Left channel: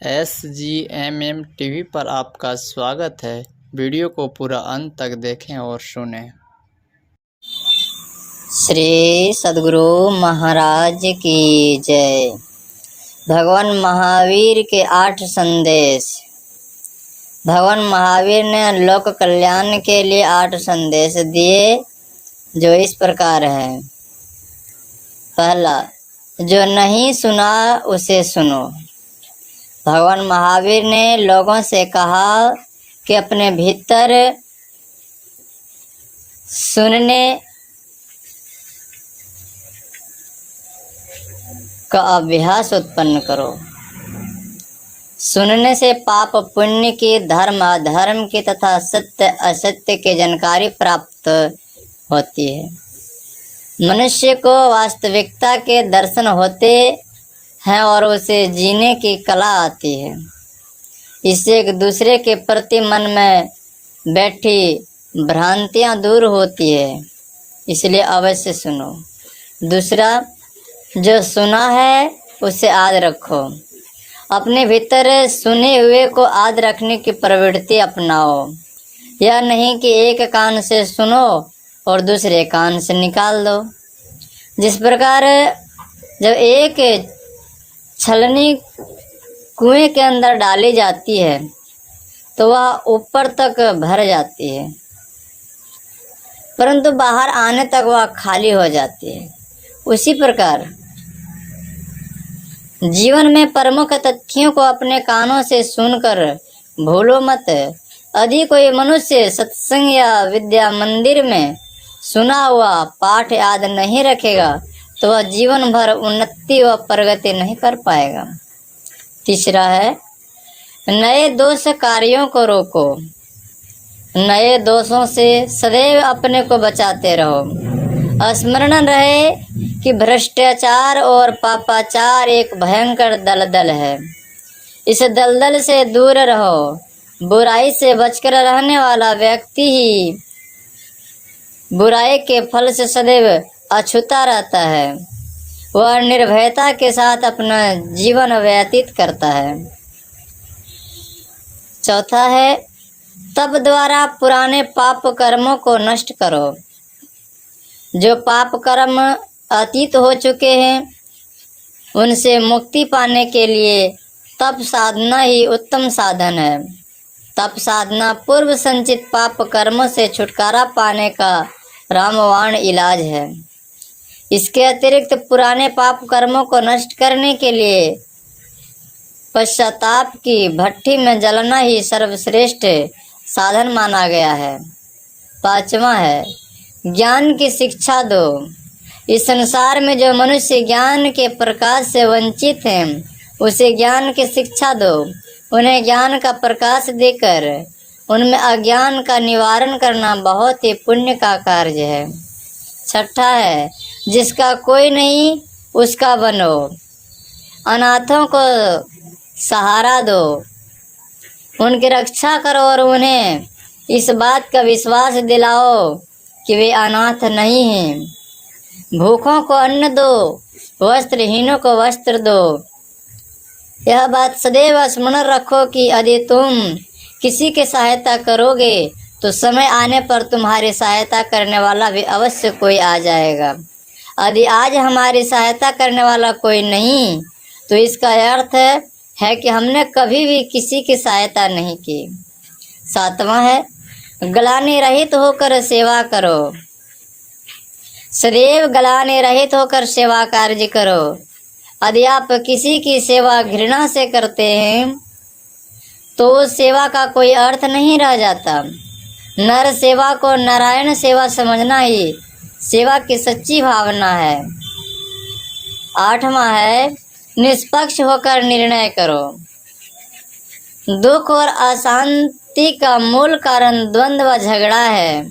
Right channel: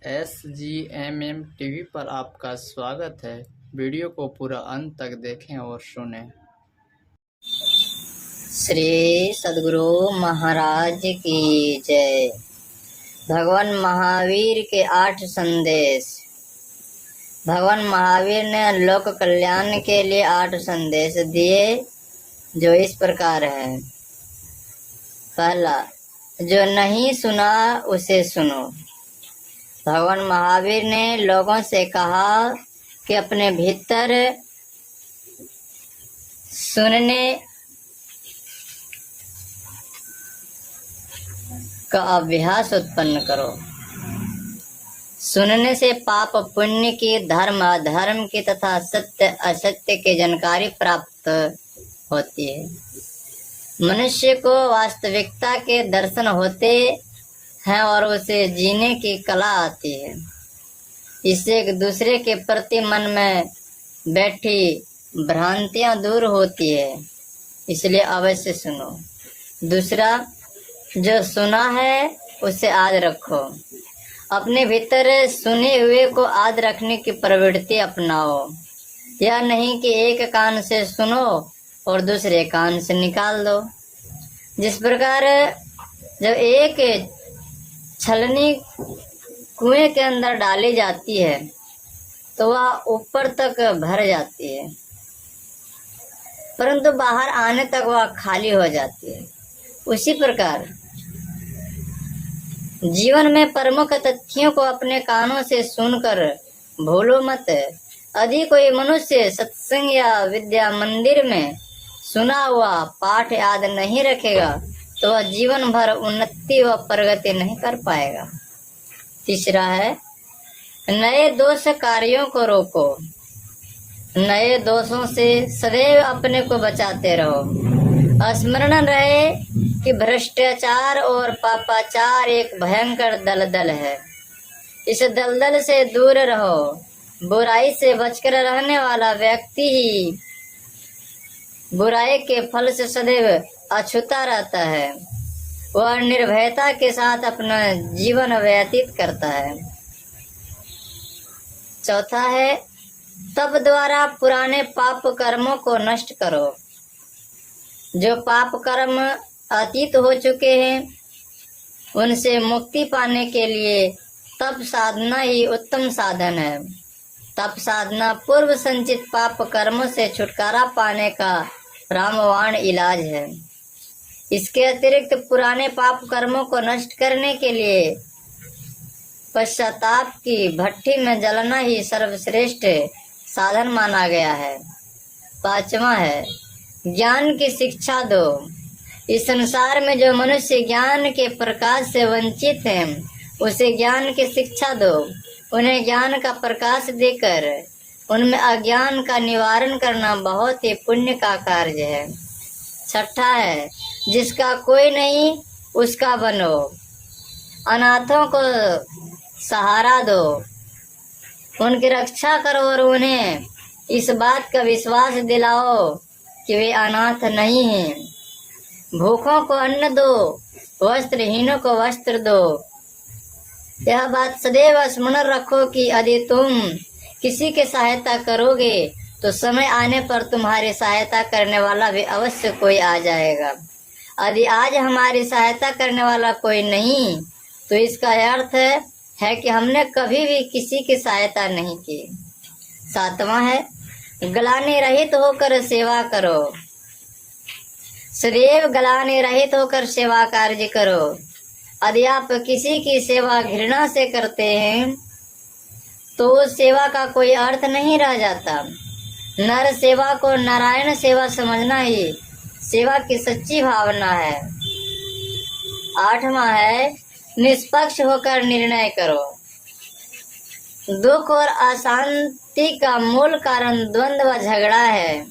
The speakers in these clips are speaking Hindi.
SGMM टीवी पर आपका स्वागत है। वीडियो को पूरा अंत तक देखें और सुनें। श्री सद्गुरु महाराज की जय। भगवान महावीर के 8 संदेश। भगवान महावीर ने लोक कल्याण के लिए 8 संदेश दिए, जो इस प्रकार है। पहला, जो नहीं सुना उसे सुनो। भगवान महावीर ने लोगों से कहा कि अपने भीतर सुनने का अभ्यास उत्पन्न करो। सुनने से पाप पुण्य की, धर्म अधर्म की तथा सत्य असत्य की जानकारी प्राप्त होती है। मनुष्य को वास्तविकता के दर्शन होते हैं और उसे जीने की कला आती है। इससे एक दूसरे के प्रति मन में बैठी भ्रांतियां दूर होती है, इसलिए अवश्य सुनो। दूसरा, जो सुना है उसे याद रखो। अपने भीतर सुने हुए को याद रखने की प्रवृत्ति अपनाओ। यह नहीं कि एक कान से सुनो और दूसरे कान से निकाल दो। जिस प्रकार जब एक छलनी कुएं के अंदर डाली जाती है तो वह ऊपर तक भर जाती है, परंतु बाहर आने तक वह खाली हो जाती है। उसी प्रकार जीवन में प्रमुख तथ्यों को अपने कानों से सुनकर भूलो मत। यदि कोई मनुष्य सत्संग या विद्या मंदिर में सुना हुआ पाठ याद नहीं रखेगा तो वह जीवन भर उन्नति व प्रगति नहीं कर पाएगा। तीसरा है, नए दोष कार्यों को रोको। नए दोषों से सदैव अपने को बचाते रहो। स्मरण रहे कि भ्रष्टाचार और पापाचार एक भयंकर दलदल है। इस दलदल से दूर रहो। बुराई से बचकर रहने वाला व्यक्ति ही बुराई के फल से सदैव अछूता रहता है। वह निर्भयता के साथ अपना जीवन व्यतीत करता है। चौथा है, तप द्वारा पुराने पाप कर्मों को नष्ट करो। जो पाप कर्म अतीत हो चुके हैं उनसे मुक्ति पाने के लिए तप साधना ही उत्तम साधन है। तप साधना पूर्व संचित पाप कर्मों से छुटकारा पाने का रामबाण इलाज है। इसके अतिरिक्त पुराने पाप कर्मों को नष्ट करने के लिए पश्चाताप की भट्टी में जलना ही सर्वश्रेष्ठ साधन माना गया है। पांचवा है, ज्ञान की शिक्षा दो। इस संसार में जो मनुष्य ज्ञान के प्रकाश से वंचित हैं उसे ज्ञान की शिक्षा दो। उन्हें ज्ञान का प्रकाश देकर उनमें अज्ञान का निवारण करना बहुत ही पुण्य का कार्य है। छठा है, जिसका कोई नहीं उसका बनो। अनाथों को सहारा दो, उनकी रक्षा करो और उन्हें इस बात का विश्वास दिलाओ कि वे अनाथ नहीं हैं। भूखों को अन्न दो, वस्त्रहीनों को वस्त्र दो। यह बात सदैव स्मरण रखो कि यदि तुम किसी की सहायता करोगे तो समय आने पर तुम्हारी सहायता करने वाला भी अवश्य कोई आ जाएगा। यदि आज हमारी सहायता करने वाला कोई नहीं तो इसका अर्थ है कि हमने कभी भी किसी की सहायता नहीं की। सातवां है, ग्लानि रहित होकर सेवा करो। सदैव ग्लानि रहित होकर सेवा कार्य करो। यदि आप किसी की सेवा घृणा से करते हैं तो उस सेवा का कोई अर्थ नहीं रह जाता। नर सेवा को नारायण सेवा समझना ही सेवा की सच्ची भावना है। आठवां है, निष्पक्ष होकर निर्णय करो। दुख और अशांति का मूल कारण द्वंद्व व झगड़ा है।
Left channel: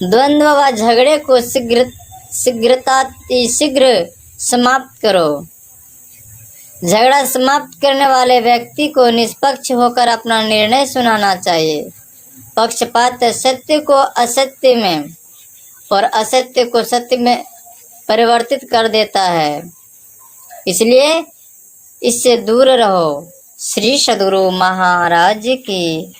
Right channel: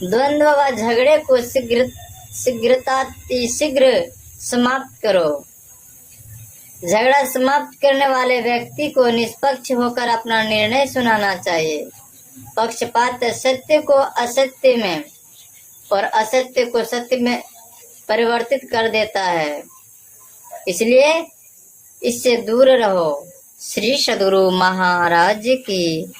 द्वंद्व व झगड़े को शीघ्र समाप्त करो। झगड़ा समाप्त करने वाले व्यक्ति को निष्पक्ष होकर अपना निर्णय सुनाना चाहिए। पक्षपात सत्य को असत्य में और असत्य को सत्य में परिवर्तित कर देता है। इसलिए इससे दूर रहो। श्री सद्गुरु महाराज की